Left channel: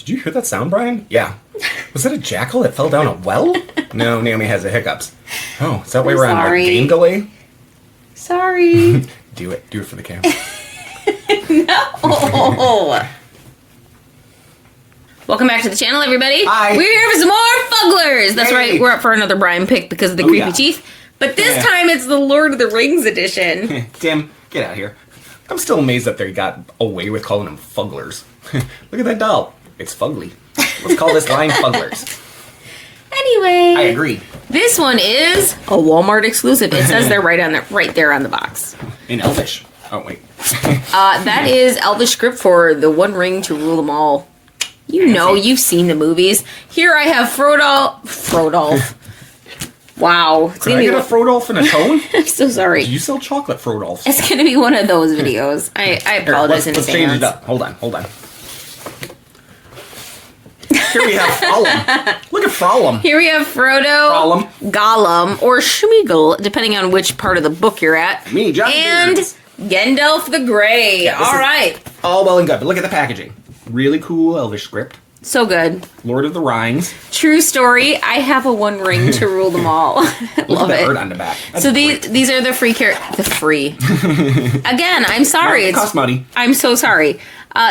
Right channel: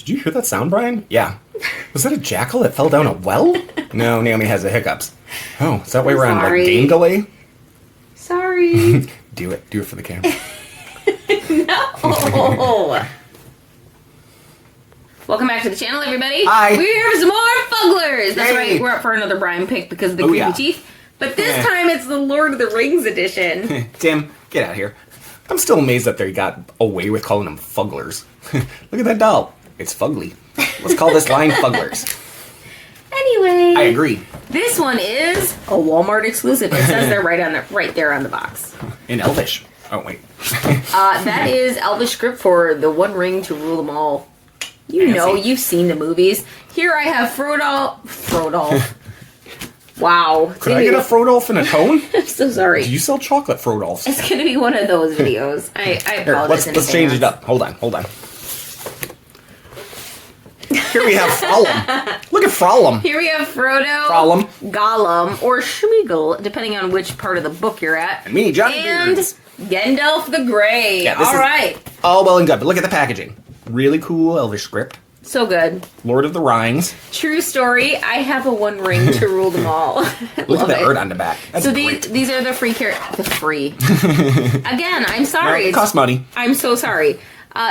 Did you hear that sound, Brian? Yeah. Was that a jackal that fell down a well? No, Naomi has the hiccups. Oh, is that why we're on the game delay? Sorry. Do it. Do it for the camera. No. Welcome back to the channel, everybody. Hi. We're here for some more Fugglers. That's Yay. right. We're up for another Brian pick because of the creepy teeth. But this time it's the Lord of the Rings edition. Tim, get out of here. I'm still amazed that they got away with calling them Fugglers. Look at that doll. It's fugly. Let's call this line Fugglers. Anyway. I agree. This one is a Walmart exclusive. It says they're right there on the box. In Elvish. Oh, wait. That is Elvish script for the One Ring to rule them all. You know, you've seen the movies. Here I have Frodo. Wow. Could I get a Frodolf and a tone? I'm so sorry. Do you sell chocolate Frodolfs? It's going to be one of those videos. I apologize in advance. Let's change it up. Hold on. Here we have Frolum. Look at Frolum. Here we have Frodo, Frolum, Golem, or Schmeagol, depending on which part of the book you're at. Me, John. And Gandalf the Grey. Yeah, all right. All well and good, but look at the packaging. Really cool Elvish script. So good. Lord of the Rings. True story. I have a One Ring to rule them all. Look at the art on the back. That's so great. these are the free Again, I'm sorry. No, it costs money. I'm so sorry.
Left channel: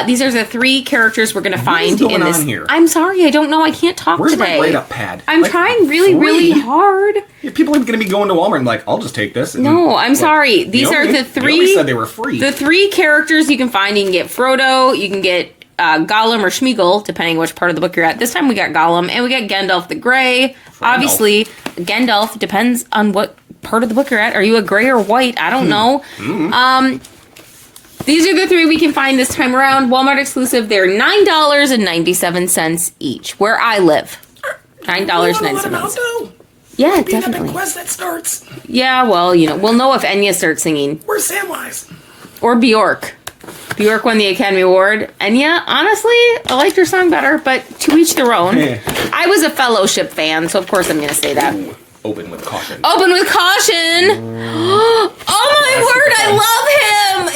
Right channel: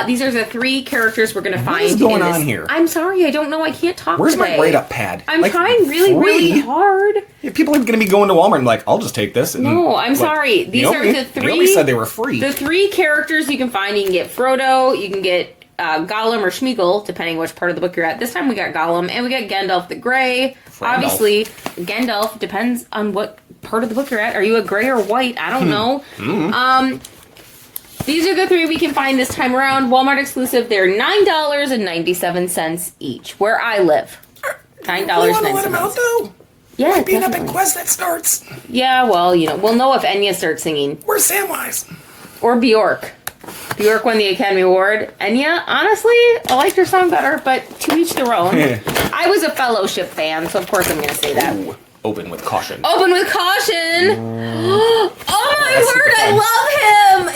These are the 3 characters we're going to find What is going in this. on here? I'm sorry. I don't know. I can't talk Where's today. my write-up pad? I'm trying really hard. Yeah, people are going to be going to Walmart and be like, I'll just take this. And, No, I'm sorry. These are the 3. Naomi said they were free. The 3 characters you can find. You can get Frodo. You can get Golem or Schmeagol, depending which part of the book you're at. This time we got Golem, and we got Gandalf the Grey. Obviously, Gandalf depends on what part of the book you're at. Are you a gray or white? I don't know. These are the 3 we can find this time around. Walmart exclusive. They're $9.97 each, where I live. $9.97. Yeah, definitely. Quest that starts. Yeah, well, you know, we'll know if Enya starts singing. Where's Samwise? Or Bjork. Bjork won the Academy Award. Enya, honestly, I liked her song better, but to each their own. I was a Fellowship fan, so of course I'm going to say that. Ooh, open with caution. Open with caution! Oh my word, I love him!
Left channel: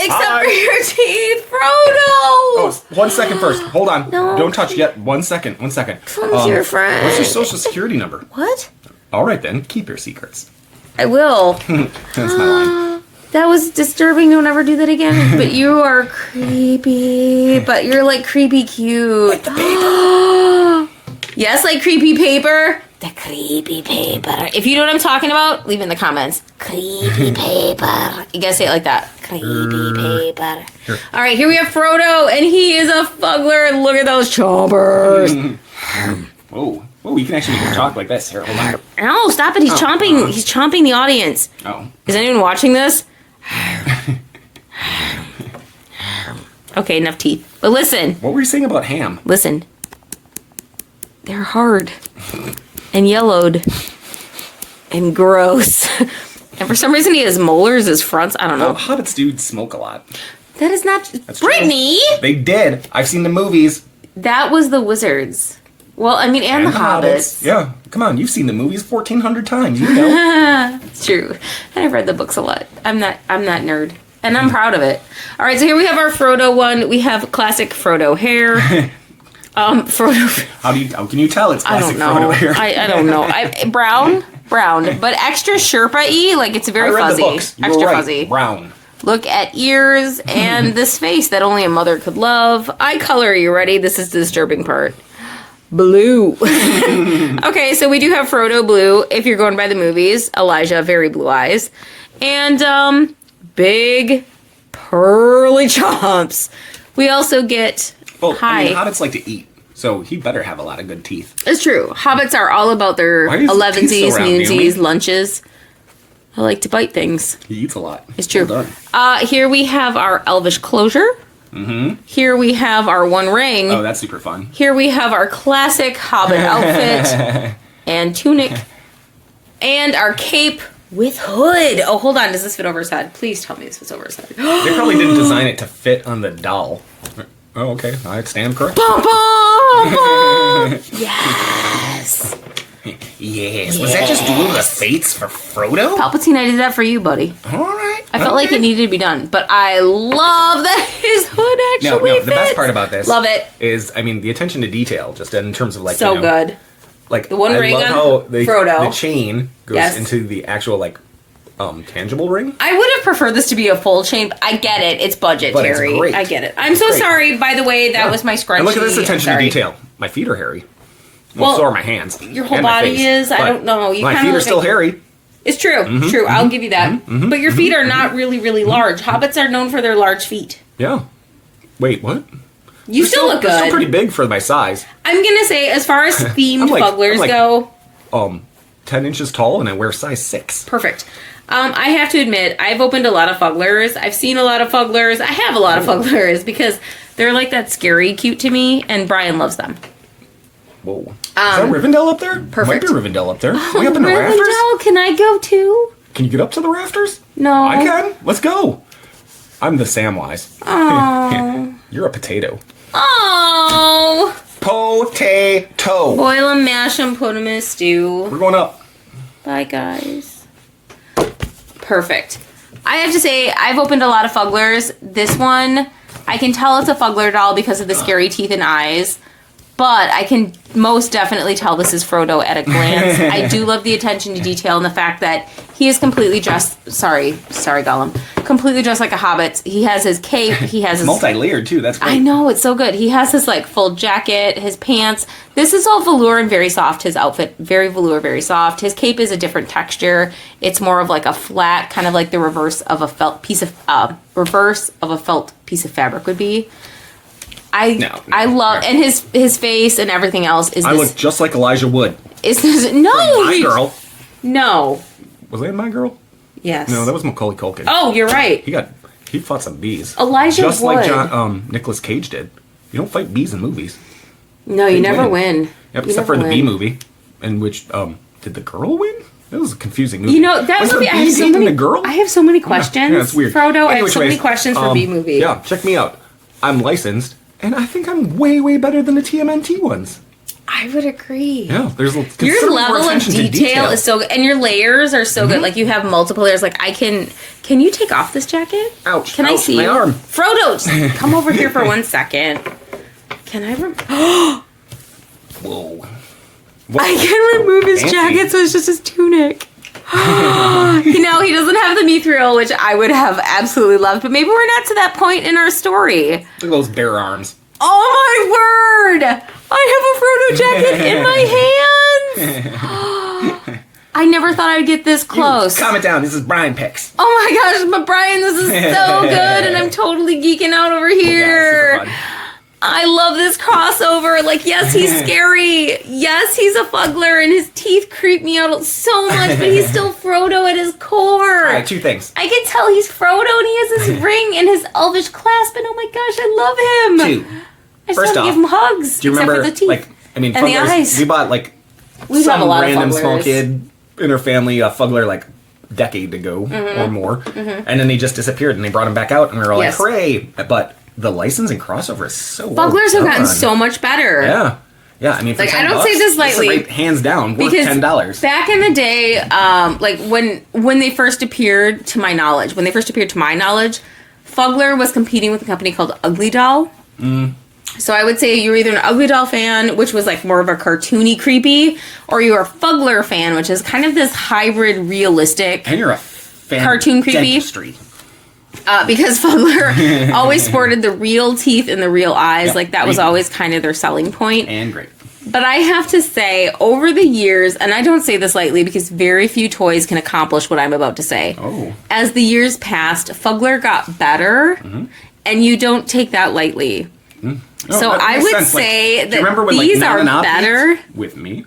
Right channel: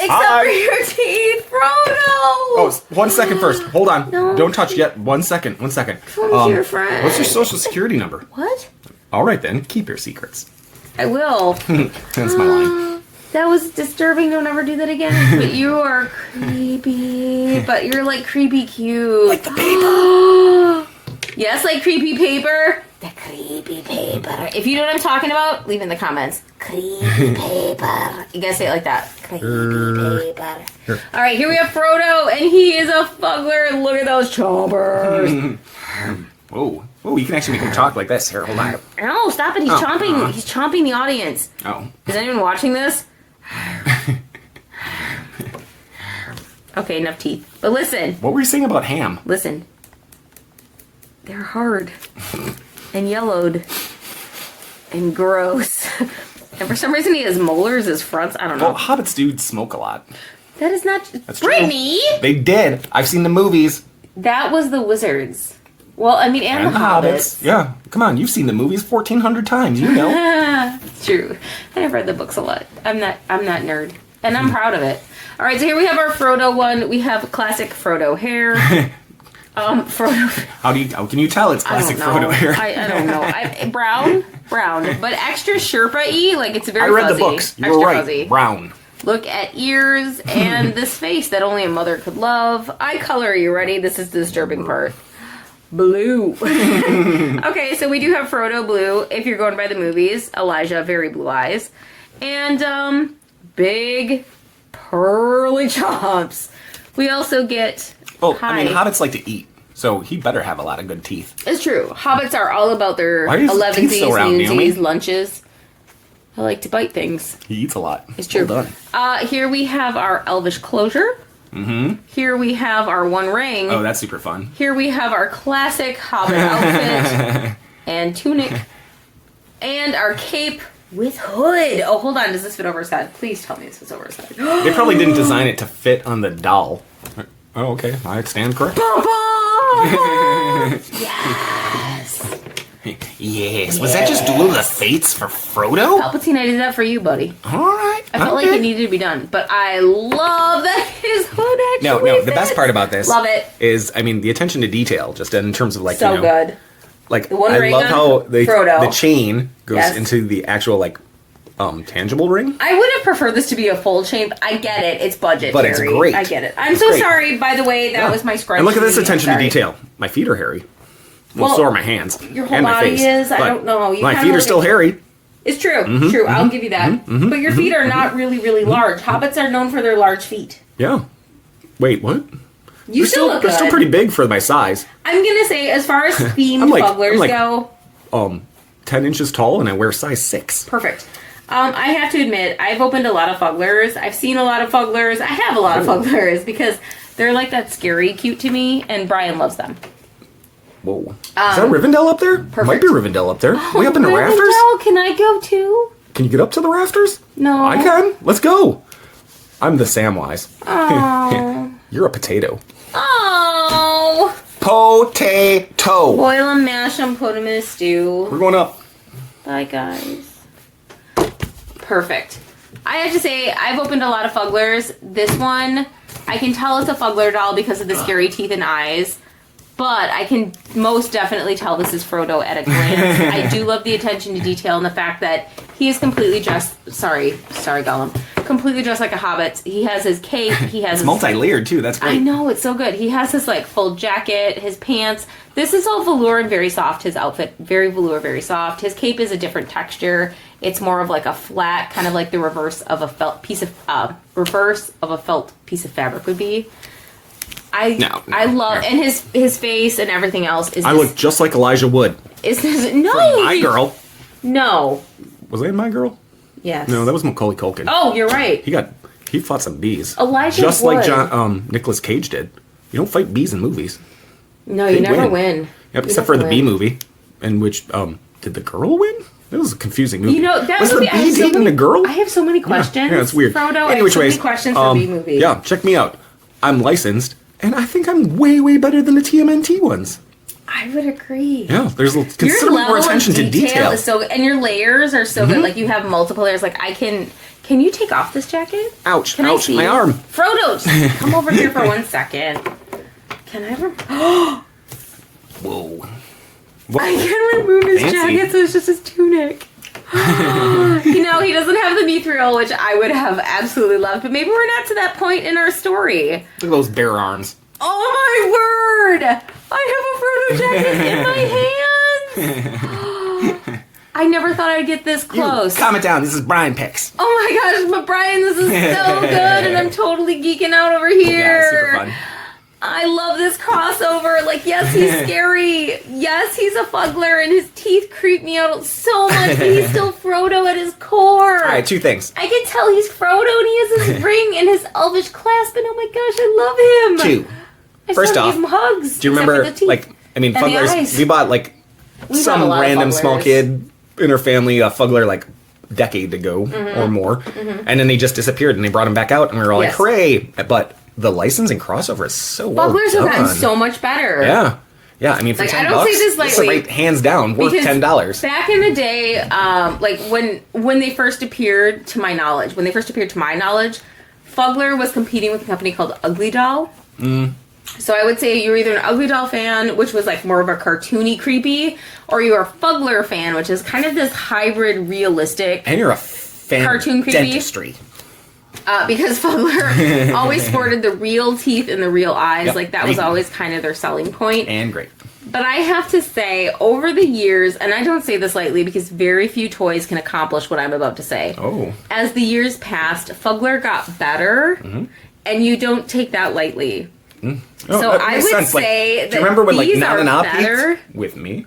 Except for your teeth, Frodo! Oh, 1 second first. Hold on. No. Don't touch yet. 1 second. 1 second. Someone's your friend. What's your social security number? What? All right, then. Keep your secrets. I will. That's my line. That was disturbing. Don't ever do that again. But you are creepy. But you're like creepy cute. Like the paper. Yes, like creepy paper. The creepy paper. If you know what I'm talking about, leave in the comments. Creepy paper. You gotta say it like that. Creepy paper. Sure. All right, here we have Frodo, and he is a Fuggler. And look at those chompers. Whoa. Oh, you can actually make him talk like this. Here, hold on. No, stop it. He's chomping. He's chomping the audience. Oh. Is anyone watching this? Okay, enough teeth. But listen. What were you saying about ham? Listen. They're hard. And yellowed. And gross. And for some reason he has molars as fronts. I don't know. Well, hobbits do smoke a lot. That is not... That's Brittany! True. They did. I've seen the movies. That was the wizards. Well, I mean, and the hobbits. Yeah. Come on, you've seen the movies 1,400 times. You know. It's true. I've read the books a lot. I'm not nerd. And I'm proud of it. All right, so here we have our Frodo one. We have classic Frodo hair. Frodo. How can you tell it's classic Frodo hair? I don't know. Brown, but extra Sherpa-y. Like it's very I read fuzzy. the books. You extra were right. fuzzy. Brown. Look at ears and this face that only a mother could love. Eye color. Are you ready? This is the disturbing part. Blue. Okay, so we do have Frodo blue. If you're going by the movies, Elijah very blue eyes, and big pearly chomps. We also get. Well, I mean, hobbits like to eat, so he better have a lot of good teeth. It's true. Hobbits are all about their Why is his teeth so 11sies, round, noonsies, Naomi? lunches. I like to bite things. He eats a lot. It's true. Well done. Here we have our Elvish closure. Here we have our One Ring. Oh, that's super fun. Here we have our classic Hobbit outfit and tunic. And our cape with hood. Oh, hold on. Does this fit over his head? Please tell me this fits over his head. They probably didn't design it to fit on the doll. Oh, okay. I stand corrected. Yes. Yes. Was that just Duel of the Fates for Frodo? Palpatine, I did that for you, buddy. All right. I felt like it needed to be done. But I love that his hood No. The best part about this, love it, is the attention to detail. Just in terms of so good. Like the one I ring love on how Frodo. the chain goes into the actual tangible ring. I would have preferred this to be a full chain. But I get it. It's budget, But Terry. it's great. I get it. I'm so sorry. By the way, that was my scrunchie. And look at this attention to Sorry. detail. My feet are hairy. Well, so are my hands. Your whole and my body face. is. But I don't know. my feet are still hairy. It's true. True. I'll give you that. But your feet are not really, really large. Hobbits are known for their large feet. Yeah. Wait, what? You still look good. They're still pretty big for my size. I'm gonna say, as far as themed Fugglers go, 10 inches tall, and I wear size 6. perfect. I have to admit, I've opened a lot of Fugglers. I've seen a lot of Fugglers. I have a lot of Fugglers because they're like that scary cute to me, and Brian loves them. Whoa. Is that Rivendell up there? Perfect. Might be Rivendell up there. Way up in the rafters? Rivendell, can I go too? Can you get up to the rafters? No. I can. Let's go. I'm the Samwise. Oh. You're a potato. Oh. Potato. Boil them, mash them, put them in a stew. We're going up. Bye, guys. Perfect. I have to say, I've opened a lot of Fugglers. This one, I can tell it's a Fuggler doll because of the scary teeth and eyes. But I can most definitely tell this is Frodo at a glance. I do love the attention to detail and the fact that he is completely dressed... Sorry, Golem. Completely dressed like a hobbit. He has his cape. He has his... multi-layered, too. That's great. I know, it's so good. He has his, full jacket, his pants. This is all velour and very soft. His outfit, very velour, very soft. His cape is a different texture. It's more of a flat, kind of like the reverse of a felt piece of fabric would be. I love, and his face and everything else is. I look just like Elijah Wood. Is this My Girl? No. Was that in My Girl? Yes. No, that was Macaulay Culkin. Oh, you're right. He fought some bees. Elijah just Wood. like Nicolas Cage did. You don't fight bees in movies. No, you never win. Yep, except for the bee movie, in which did the girl win? That was a confusing movie. That was movie. The bee dating the girl? I have so many questions. Yeah, it's weird. Frodo, I have so many questions for bee movie. Yeah, check me out. I'm licensed. And I think I'm way, way better than the TMNT ones. I would agree. Yeah, there's your considerable level of attention to detail. is so good, and your layers are so good. Like you have multiple layers. Like Can you take off this jacket? Ouch! Can I see my arm? Frodo, just come over here for 1 second. Can I? Whoa! I can remove his jacket, so it's just his tunic. He doesn't have the mithril, which I would have absolutely loved, but maybe we're not to that point in our story. Look at those bare arms. Oh my word! I have a Frodo jacket in my hands! I never thought I'd get this close. Calm it down, this is Brian Picks. Oh my gosh, but Brian, this is so good, and I'm totally geeking out over here. Yeah, super fun. I love this crossover. Yes, he's scary. Yes, he's a Fuggler, and his teeth creep me out so much, but he's still Frodo at his core. All right, 2 things. I can tell he's Frodo, and he has his ring and his elvish clasp, and oh my gosh, I love him. 2. I First still off, give him hugs. do you remember, except for the teeth and the Fugglers, eyes. we bought, some random small kid in her family, a Fuggler, decade ago or more, and then they just disappeared, and they brought him back out, and we were like, hooray! But the licensing crossover is so well Fugglers done. have gotten so much better. Yeah. Yeah, for $10, I don't say this lightly. This is hands down worth $10. Back in the day, when they first appeared, to my knowledge, Fuggler was competing with a company called Ugly Doll. So I would say you were either an Ugly Doll fan, which was more of a cartoony creepy, or you were a Fuggler fan, which is kind of this hybrid realistic. And you're a fan cartoon of creepy. dentistry. Because Fuggler always sported the real teeth and the real eyes. That was always kind of their selling point. And great. But I have to say, over the years, and I don't say this lightly because very few toys can accomplish what I'm about to say. Oh. As the years passed, Fuggler got better, and you don't take that lightly. So I would say do you remember that when, these Mal are and Op better. with me?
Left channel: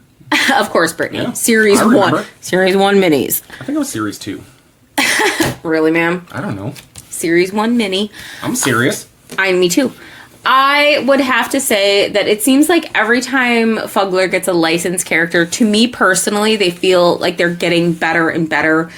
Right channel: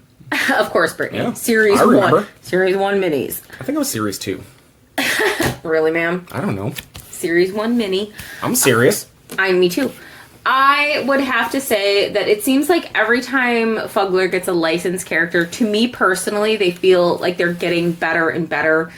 Of course, Brittany. Yeah, Series I 1. remember. Series 1 minis. I think it was Series 2. Really, ma'am? I don't know. Series 1 mini. I'm serious. Me too. I would have to say that it seems like every time Fuggler gets a licensed character, to me personally, they feel like they're getting better and better.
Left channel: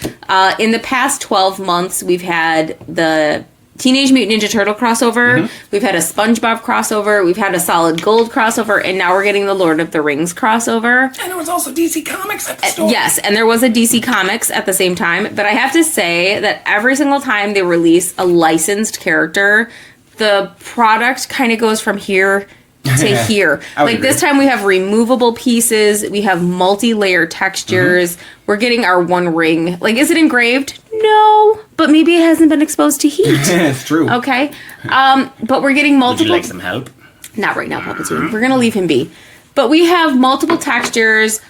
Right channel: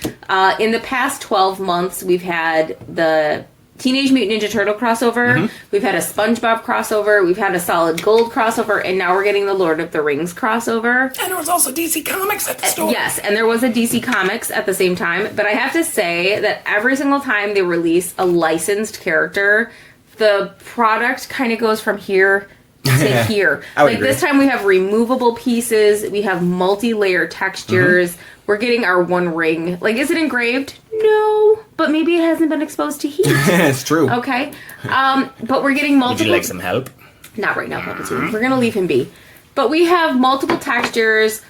In the past 12 months, we've had the Teenage Mutant Ninja Turtle crossover, we've had a SpongeBob crossover, we've had a Solid Gold crossover, and now we're getting the Lord of the Rings crossover. And there was also DC Comics at the store. Yes, and there was a DC Comics at the same time, but I have to say that every single time they release a licensed character, the product kind of goes from here to here. Like this time we have removable pieces. We have multi-layer textures. We're getting our one ring. Like, is it engraved? No, but maybe it hasn't been exposed to heat. It's true. Okay. But we're getting multiple. Would you like some help? Not right now, Palpatine. We're going to leave him be. But we have multiple textures,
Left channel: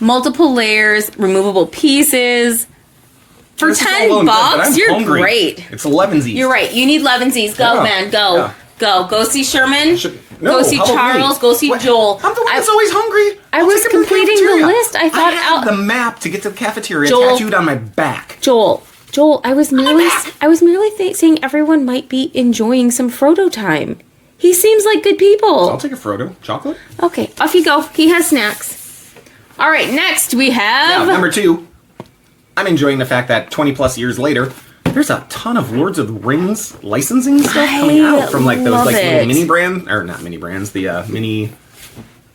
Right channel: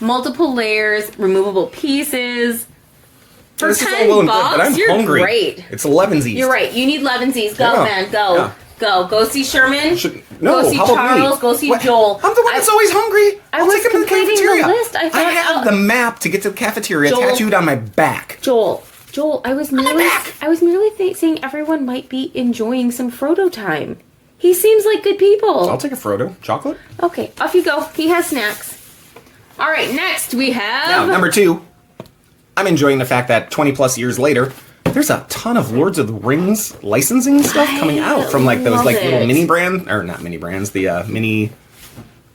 multiple layers, removable pieces. For $10, you're hungry. Great. It's 11sies. You're right. You need 11sies. Go, man. Go. Yeah. Go see Sherman. No, go see Charles. Go see Joel. I'm the one that's always hungry. I was completing the list. I thought I had the map to get to the cafeteria tattooed on my back. Joel, I was merely saying everyone might be enjoying some Frodo time. He seems like good people. I'll take a Frodo. Chocolate? Okay, off you go. He has snacks. All right, next we have... number 2. I'm enjoying the fact that 20 plus years later, there's a ton of Lords of the Rings licensing stuff coming out from like those like little mini brand, or not mini brands, the mini,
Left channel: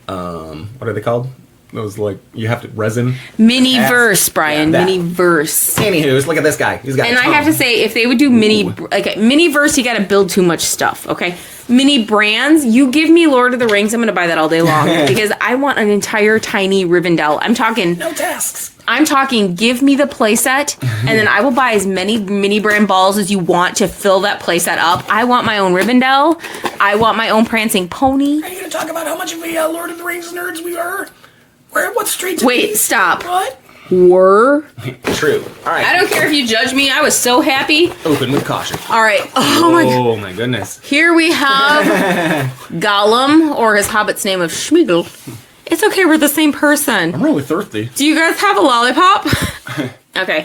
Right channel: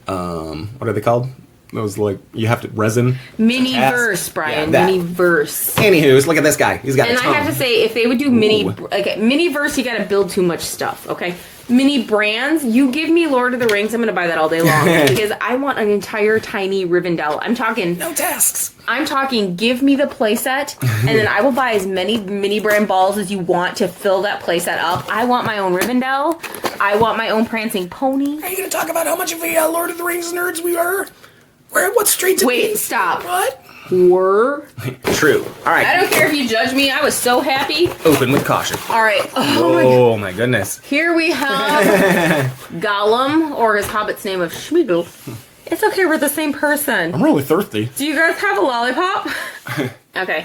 what are they called? Those like, you have to resin. Mini-verse, Brian. Yeah, mini-verse. Anywho, look at this guy. He's got and a ton. I have to say, if they would do mini-verse, you got to build too much stuff, okay? Mini brands, you give me Lord of the Rings, I'm going to buy that all day long. Because I want an entire tiny Rivendell. I'm talking... No tasks. I'm talking, give me the playset, and then I will buy as many mini brand balls as you want to fill that playset up. I want my own Rivendell. I want my own prancing pony. Are you going to talk about how much of a Lord of the Rings nerds we are? What streets? Wait, stop. What? Were. True. All right. I don't care if you judge me. I was so happy. Open with caution. All right. Oh my goodness. Here we have Golem, or his hobbit's name of Schmeagol. It's okay, we're the same person. I'm really thirsty. Do you guys have a lollipop? Okay.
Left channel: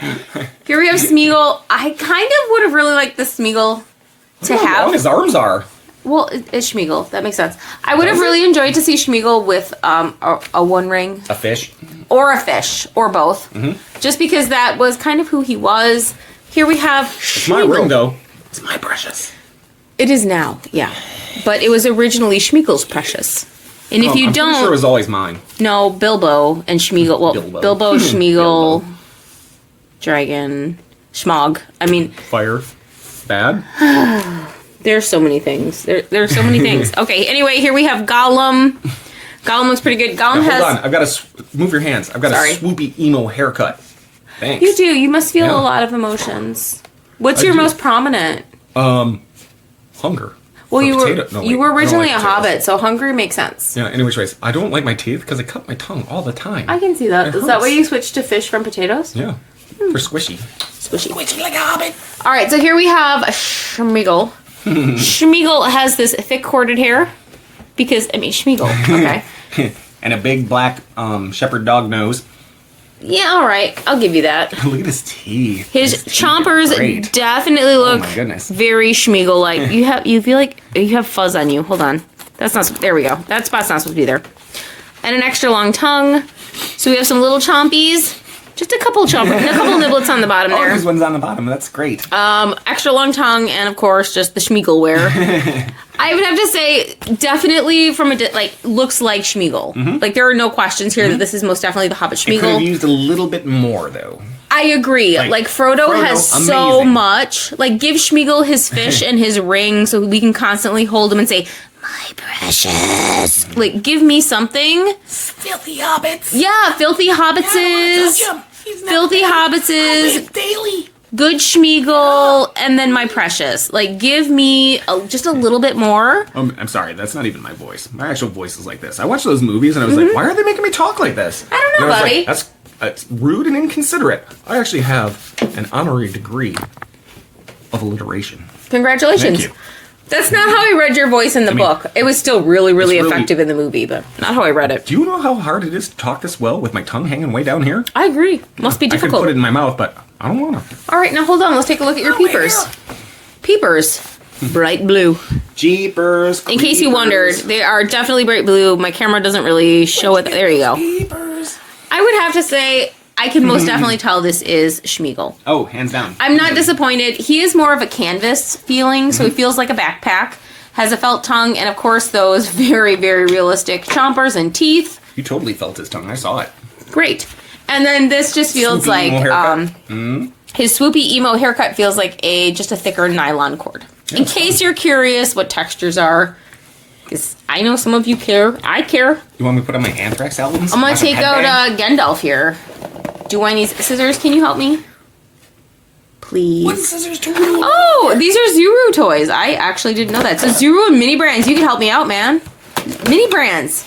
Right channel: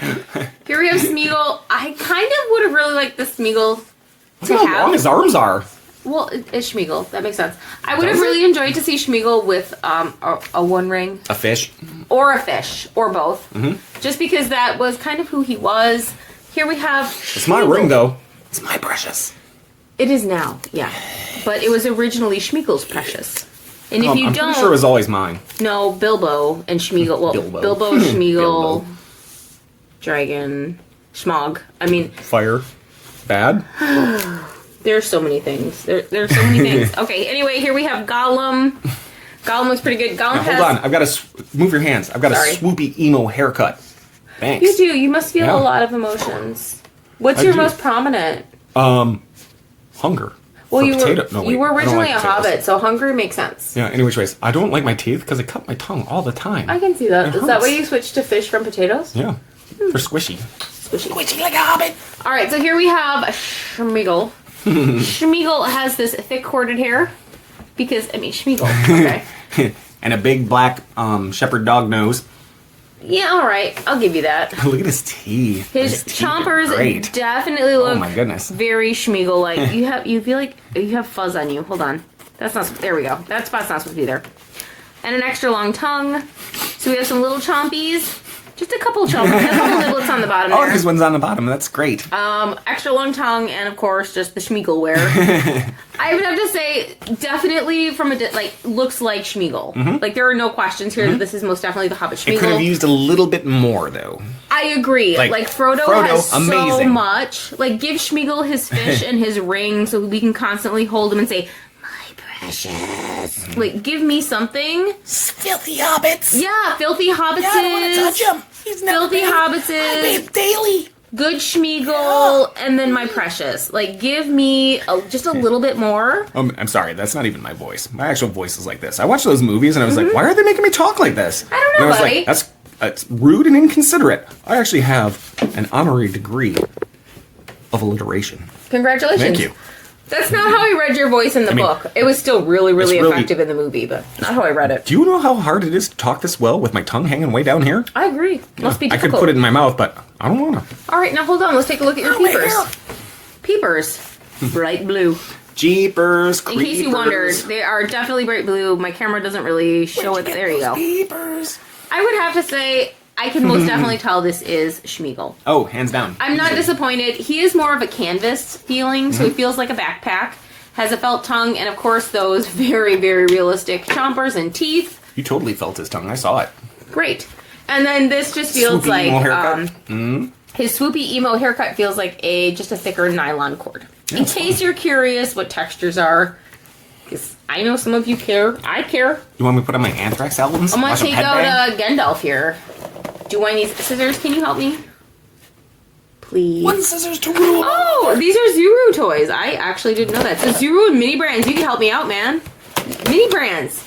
Here we have Smeagol. I kind of would have really liked the Smeagol to have. How long his arms are. Well, it's Schmeagol. That makes sense. I would have really enjoyed to see Schmeagol with a one ring. A fish. Or a fish. Or both. Just because that was kind of who he was. Here we have It's my ring, though. It's my precious. It is now, yeah. But it was originally Schmeagol's precious. And if you don't... I'm sure it was always mine. No, Bilbo and Schmeagol. Well, Bilbo, Schmeagol, Dragon, Schmog. I mean... Fire. Bad. There's so many things. There's so many things. Okay, anyway, here we have Golem. Golem looks pretty good. Golem has... Hold on, I've got to... Move your hands. I've got a swoopy emo haircut. Thanks. You do. You must feel a lot of emotions. What's your most prominent? Hunger. Well, you were originally a hobbit, so hungry makes sense. Yeah, anyways, Race, I don't like my teeth because I cut my tongue all the time. I can see that. Is that why you switched to fish from potatoes? Yeah. For squishy. Squishy like a hobbit. All right, so here we have Schmeagol. Schmeagol has this thick corded hair because, Schmeagol, okay. And a big black shepherd dog nose. Yeah, all right. I'll give you that. Look at his teeth. His chompers definitely look very Schmeagol-like. You feel like you have fuzz on you. Hold on. That's not... There we go. That spot's not supposed to be there. And an extra long tongue. So we have some little chompies. Just a couple chompers. A couple niblets on the bottom there. Oh, these ones on the bottom. That's great. Extra long tongue, and of course, just the Schmeagol wear. I would have to say, definitely from looks like Schmeagol. Like, there are no questions here that this is most definitely the Hobbit Schmeagol. It could have used a little bit more, though. I agree. Like Frodo has so much. Like, give Schmeagol his fish and his ring so we can constantly hold him and say, my precious. Like, give me something. Filthy hobbits. Yeah, filthy hobbitses. Filthy hobbitses. Daily. Good Schmeagol, and then my precious. Like, give me just a little bit more. I'm sorry, that's not even my voice. My actual voice is like this. I watched those movies and I was like, why are they making me talk like this? I don't know, buddy. Like, that's rude and inconsiderate. I actually have an honorary degree of alliteration. Congratulations. Thank you. That's not how I read your voice in the book. It was still really, really effective in the movie, but not how I read it. Do you know how hard it is to talk this well with my tongue hanging way down here? I agree. Must be difficult. I could put it in my mouth, but I don't want to. All right, now hold on. Let's take a look at your peepers. Peepers. Bright blue. Jeepers. In case you wondered, they are definitely bright blue. My camera doesn't really show it. There you go. Jeepers. I would have to say... I can most definitely tell this is Schmeagol. Oh, hands down. I'm not disappointed. He is more of a canvas feeling, so he feels like a backpack. Has a felt tongue, and of course those very, very realistic chompers and teeth. You totally felt his tongue. I saw it. Great. And then this just feels like His swoopy emo haircut feels like just a thicker nylon cord. In case you're curious what textures are, because I know some of you care. I care. You want me to put on my Anthrax albums? I'm going to take out Gandalf here. Do I need scissors? Can you help me? Please. What scissors to rule? Oh, these are Zuru toys. I actually didn't know that. So Zuru and Mini Brands, you can help me out, man. Mini Brands.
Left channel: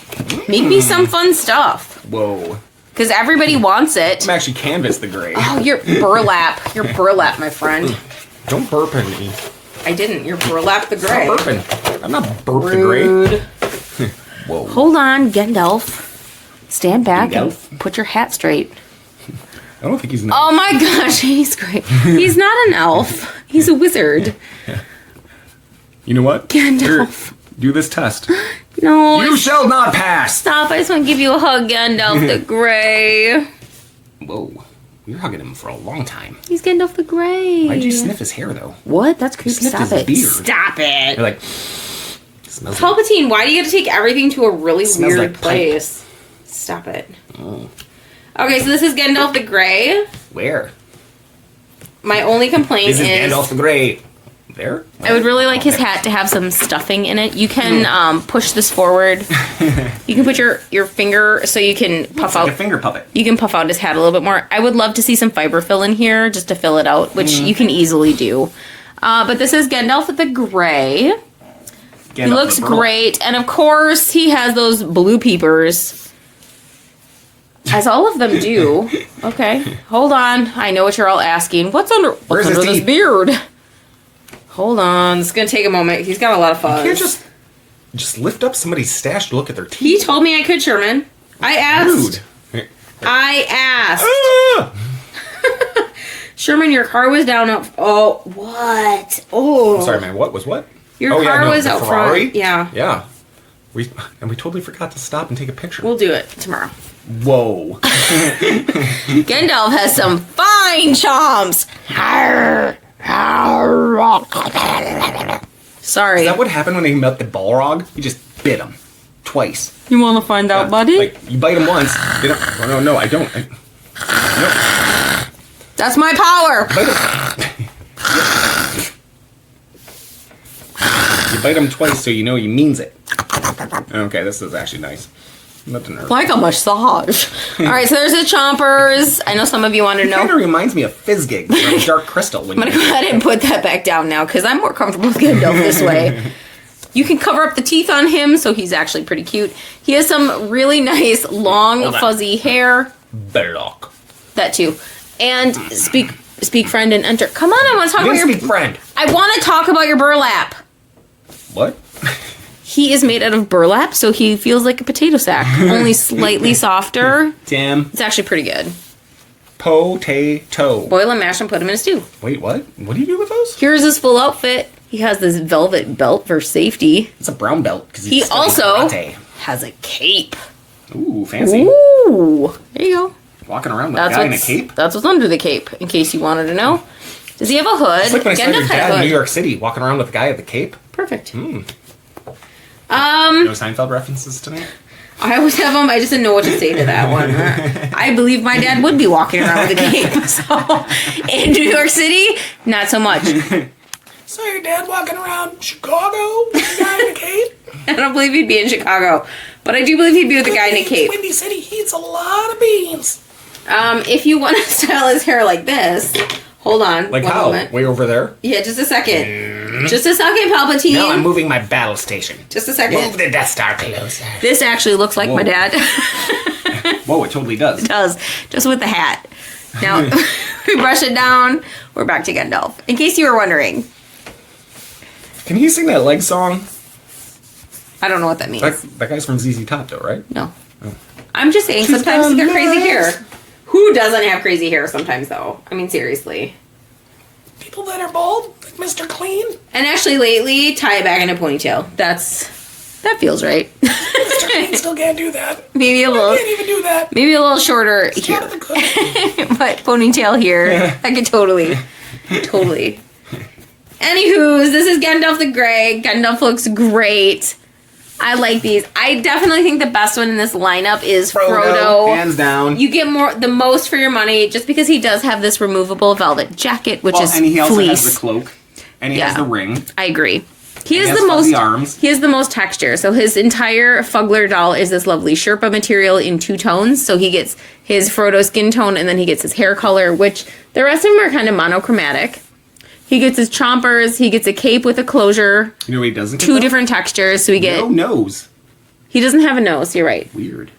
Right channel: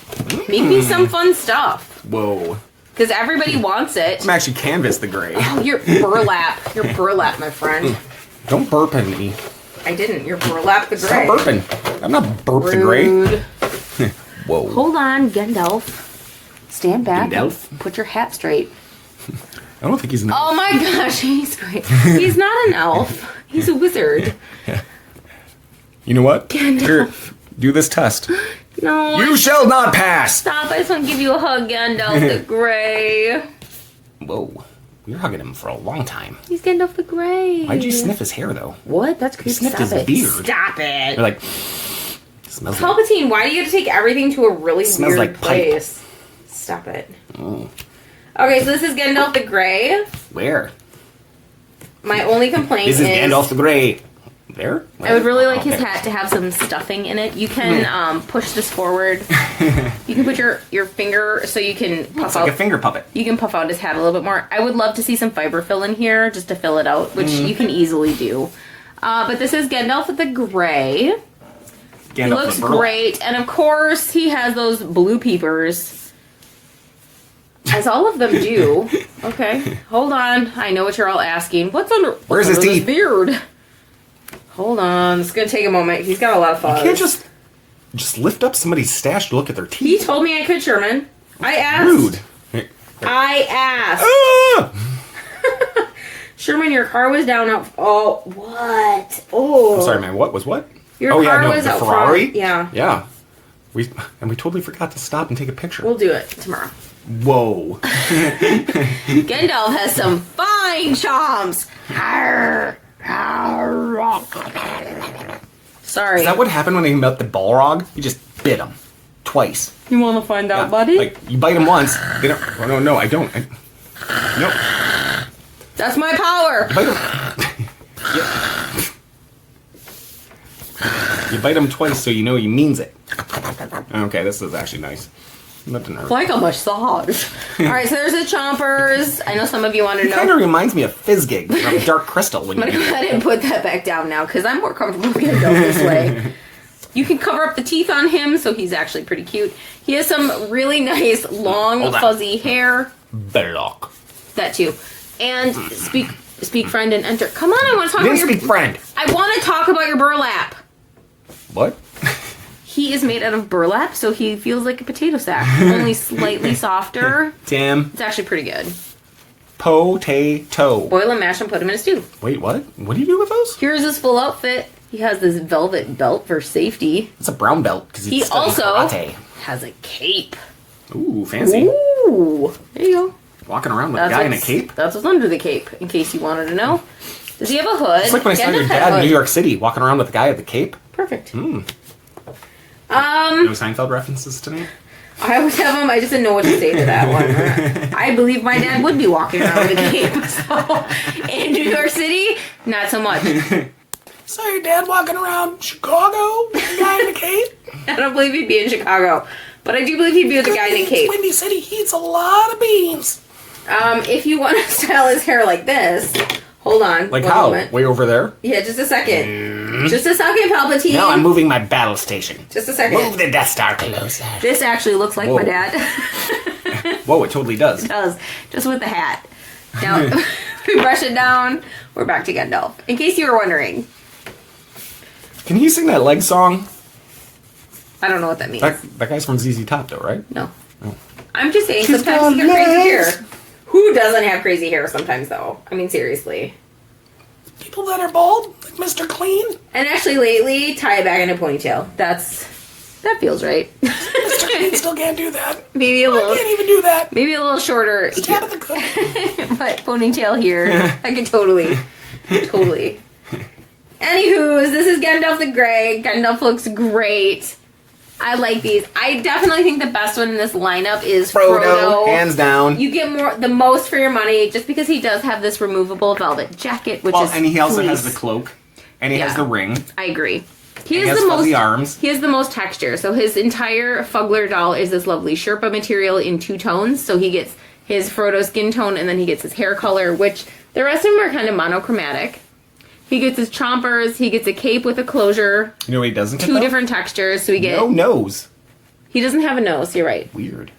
Make me some fun stuff. Whoa. Because everybody wants it. I'm actually Canvas the Gray. Oh, you're burlap. You're burlap, my friend. Don't burp on me. I didn't. You're burlap the Gray. Stop burping. I'm not burp the Gray. Whoa. Hold on, Gandalf. Stand back Gandalf? and put your hat straight. I don't think he's an elf. Oh my gosh, he's great. He's not an elf. He's a wizard. You know what? Gandalf. Here, do this test. No. You shall not pass! Stop. I just want to give you a hug, Gandalf the Grey. Whoa. We were hugging him for a long time. He's Gandalf the Grey. Why'd you sniff his hair, though? What? That's creepy. sniffed Stop his it. beard. Stop it. You're like, smells like... Palpatine, why do you have to take everything to a really Smells weird like place? Stop it. Oh. Okay, so this is Gandalf the Grey. Where? My only complaint This is Gandalf the Grey. There? I would really like his hat to have some stuffing in it. You can push this forward. You can put your finger so you can puff out. Like a finger puppet. You can puff out his hat a little bit more. I would love to see some fiber fill in here just to fill it out, which you can easily do. But this is Gandalf the Grey. He looks great. And of course, he has those blue peepers. As all of them do. Okay, hold on. I know what you're all asking. What's under this beard? Hold on. It's going to take a moment. He's got a lot of fuzz. You can't just lift up somebody's stash to look at their teeth. He told me I could, Sherman. I asked. Rude. I asked. Ah! Sherman, your car was down out... Oh, what? Oh. I'm sorry, man. What was what? Your car was the out Ferrari? front. Yeah. Yeah. We totally forgot to stop and take a picture. We'll do it tomorrow. Whoa. Gandalf has some fine chomps. Sorry. Is that what happened when he met the Balrog? He just bit him. Twice. You want to find out, buddy? Like, you bite him once. They don't... Oh, no, I don't. No. That's my power. Bite him. You bite him twice so you know he means it. Okay, this is actually nice. Nothing hurt. Like a massage. All right, so there's the chompers. I know some of you want to know. It kind of reminds me of Fizzgig from Dark Crystal. I'm going to go ahead and put that back down now because I'm more comfortable with Gandalf this way. You can cover up the teeth on him, so he's actually pretty cute. He has some really nice, long, fuzzy hair. Belloc. That too. And speak friend and enter. Come on, I want to talk about your... Speak friend. I want to talk about your burlap. What? He is made out of burlap, so he feels like a potato sack, only slightly softer. Damn. It's actually pretty good. Potato. Boil and mash and put him in a stew. Wait, what? What do you do with those? Here's his full outfit. He has this velvet belt for safety. It's a brown belt. He also has a cape. Ooh, fancy. Ooh. There you go. Walking around with a guy in a cape? That's what's under the cape, in case you wanted to know. Does he have a hood? It's like when I saw your dad in New York City, walking around with a guy at the cape. Perfect. No Seinfeld references tonight? I always have them. I just didn't know what to say to that one. I believe my dad would be walking around with a cape. So, in New York City, not so much. So your dad walking around Chicago with a guy in a cape? I don't believe he'd be in Chicago. But I do believe he'd be with a guy in a cape. Windy City, he eats a lot of beans. If you want to style his hair like this... Hold on. Like how? Moment. Way over there? Yeah, just a second. Just a second, Palpatine. No, I'm moving my battle station. Just a second. Move the Death Star closer. This actually looks like my dad. Whoa, it totally does. It does. Just with the hat. Now, we brush it down. We're back to Gandalf. In case you were wondering. Can he sing that leg song? I don't know what that means. That guy's from ZZ Top, though, right? No. Oh. I'm just saying, sometimes you got crazy hair. Who doesn't have crazy hair sometimes, though? I mean, seriously. People that are bald, like Mr. Clean. And actually, lately, tie it back in a ponytail. That feels right. Mr. Clean still can't do that. Maybe a little. I can't even do that. Maybe a little shorter It's here. out of the cookie. But ponytail here. I could totally. Anywho, this is Gandalf the Grey. Gandalf looks great. I like these. I definitely think the best one in this lineup is Frodo. Hands down. You get the most for your money just because he does have this removable velvet jacket, which is and he also fleece. has the cloak, and he has the ring. I agree. He has arms. He has the most texture. So his entire Fuggler doll is this lovely Sherpa material in 2 tones. So he gets his Frodo skin tone, and then he gets his hair color, which the rest of them are kind of monochromatic. He gets his chompers. He gets a cape with a closure. You know what he doesn't get? 2 different textures. So we get no nose. He doesn't have a nose. You're right. Weird.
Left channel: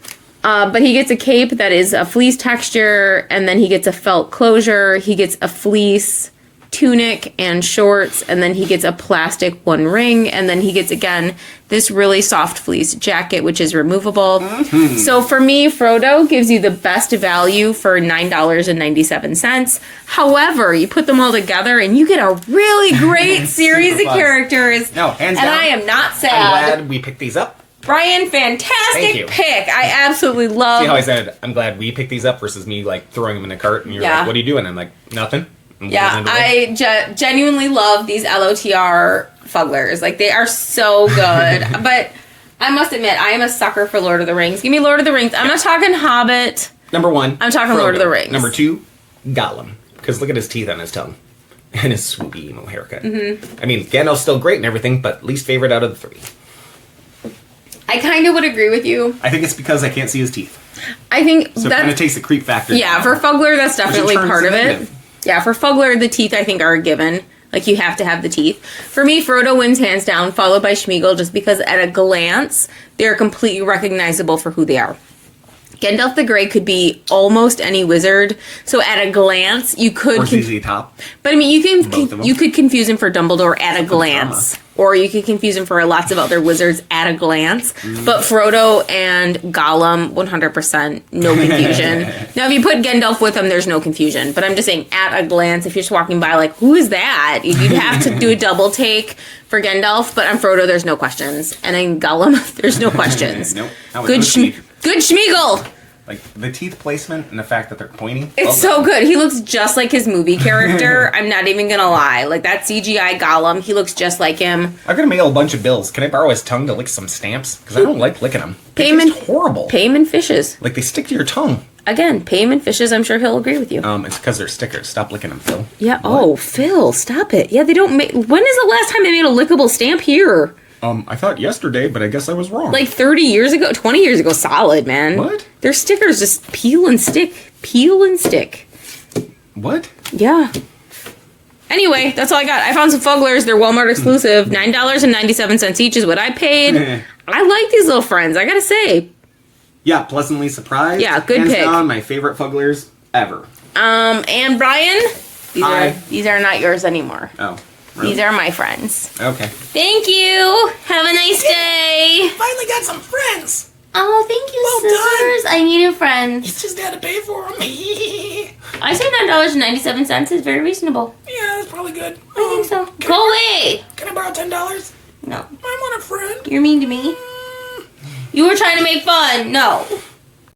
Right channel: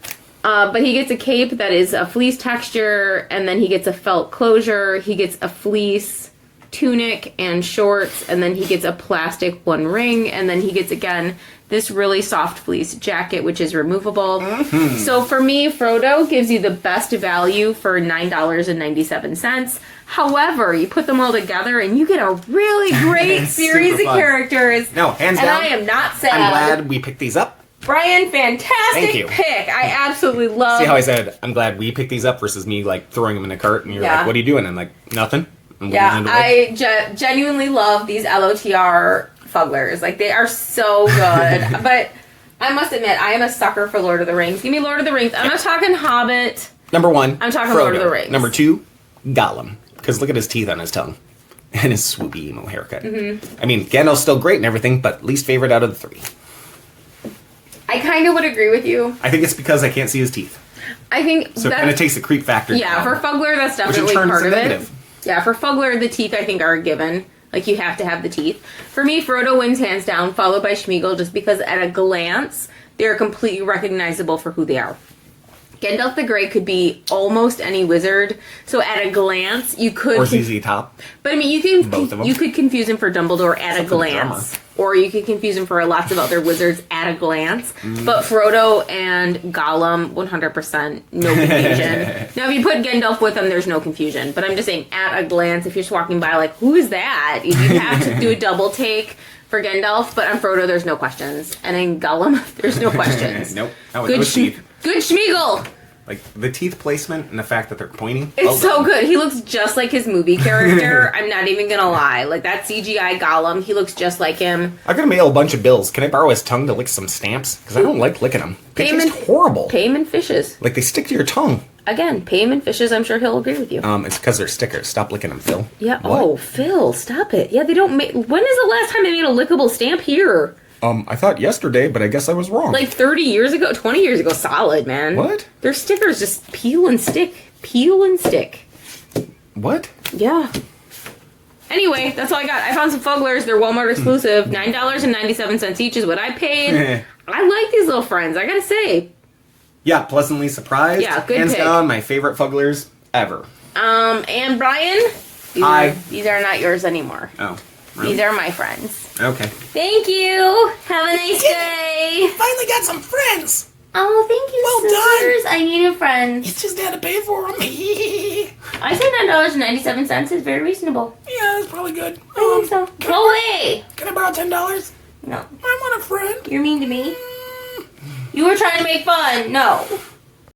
But he gets a cape that is a fleece texture, and then he gets a felt closure. He gets a fleece tunic and shorts, and then he gets a plastic 1 ring, and then he gets, again, this really soft fleece jacket, which is removable. Mm-hmm. So for me, Frodo gives you the best value for $9.97. However, you put them all together, and you get a really great series of characters. No, hands down. And I am not sad. I'm glad we picked these up. Brian, fantastic pick. I absolutely love. See how I said, I'm glad we picked these up versus me, like, throwing them in a cart, and you're like, what are you doing? I'm like, nothing. Yeah, I genuinely love these LOTR Fugglers. Like, they are so good. But I must admit, I am a sucker for Lord of the Rings. Give me Lord of the Rings. I'm not talking Hobbit. Number 1, I'm talking Frodo. Lord of the Rings. Number 2, Golem. Because look at his teeth on his tongue. And his swoopy emo haircut. Mm-hmm. I mean, Gandalf's still great and everything, but least favorite out of the 3. I kind of would agree with you. I think it's because I can't see his teeth. I think so it kind of takes the creep factor. Yeah, for Fuggler, that's definitely part of it. Yeah, for Fuggler, the teeth, I think, are a given. Like, you have to have the teeth. For me, Frodo wins hands down, followed by Schmeagol, just because at a glance, they're completely recognizable for who they are. Gandalf the Grey could be almost any wizard, so at a glance, you could... Or ZZ Top. But, I mean, you could confuse him for Dumbledore at a glance. Or you could confuse him for lots of other wizards at a glance. Mm. But Frodo and Golem, 100%, no confusion. Now, if you put Gandalf with them, there's no confusion. But I'm just saying, at a glance, if you're just walking by, like, who is that? You'd have to do a double take for Gandalf. But on Frodo, there's no questions. And in Golem, there's no questions. Nope. Good Schmeagol! Like, the teeth placement and the fact that they're pointy. It's so good. He looks just like his movie character. I'm not even gonna lie. Like, that CGI Golem, he looks just like him. I'm gonna mail a bunch of bills. Can I borrow his tongue to lick some stamps? Because I don't like licking them. It's horrible. Pay him in fishes. Like, they stick to your tongue. Again, pay him in fishes. I'm sure he'll agree with you. It's because they're stickers. Stop licking them, Phil. Yeah. What? Oh, Phil, stop it. Yeah, they don't make... When is the last time they made a lickable stamp here? I thought yesterday, but I guess I was wrong. Like 30 years ago? 20 years ago. Solid, man. What? Their stickers just peel and stick. Peel and stick. What? Yeah. Anyway, that's all I got. I found some Fugglers. They're Walmart exclusive. $9.97 each is what I paid. I like these little friends, I gotta say. Yeah, pleasantly surprised. Yeah, good Hands pick. down, my favorite Fugglers ever. And Brian, these are not yours anymore. Oh. Really? These are my friends. Okay. Thank you. Have a nice day. Finally got some friends. Oh, thank you, sisters. I needed friends. You just had to pay for them. I said $9.97 is very reasonable. Yeah, that's probably good. I think so. Go away. Can I borrow $10? No. I want a friend. You're mean to me. You were trying to make fun. No.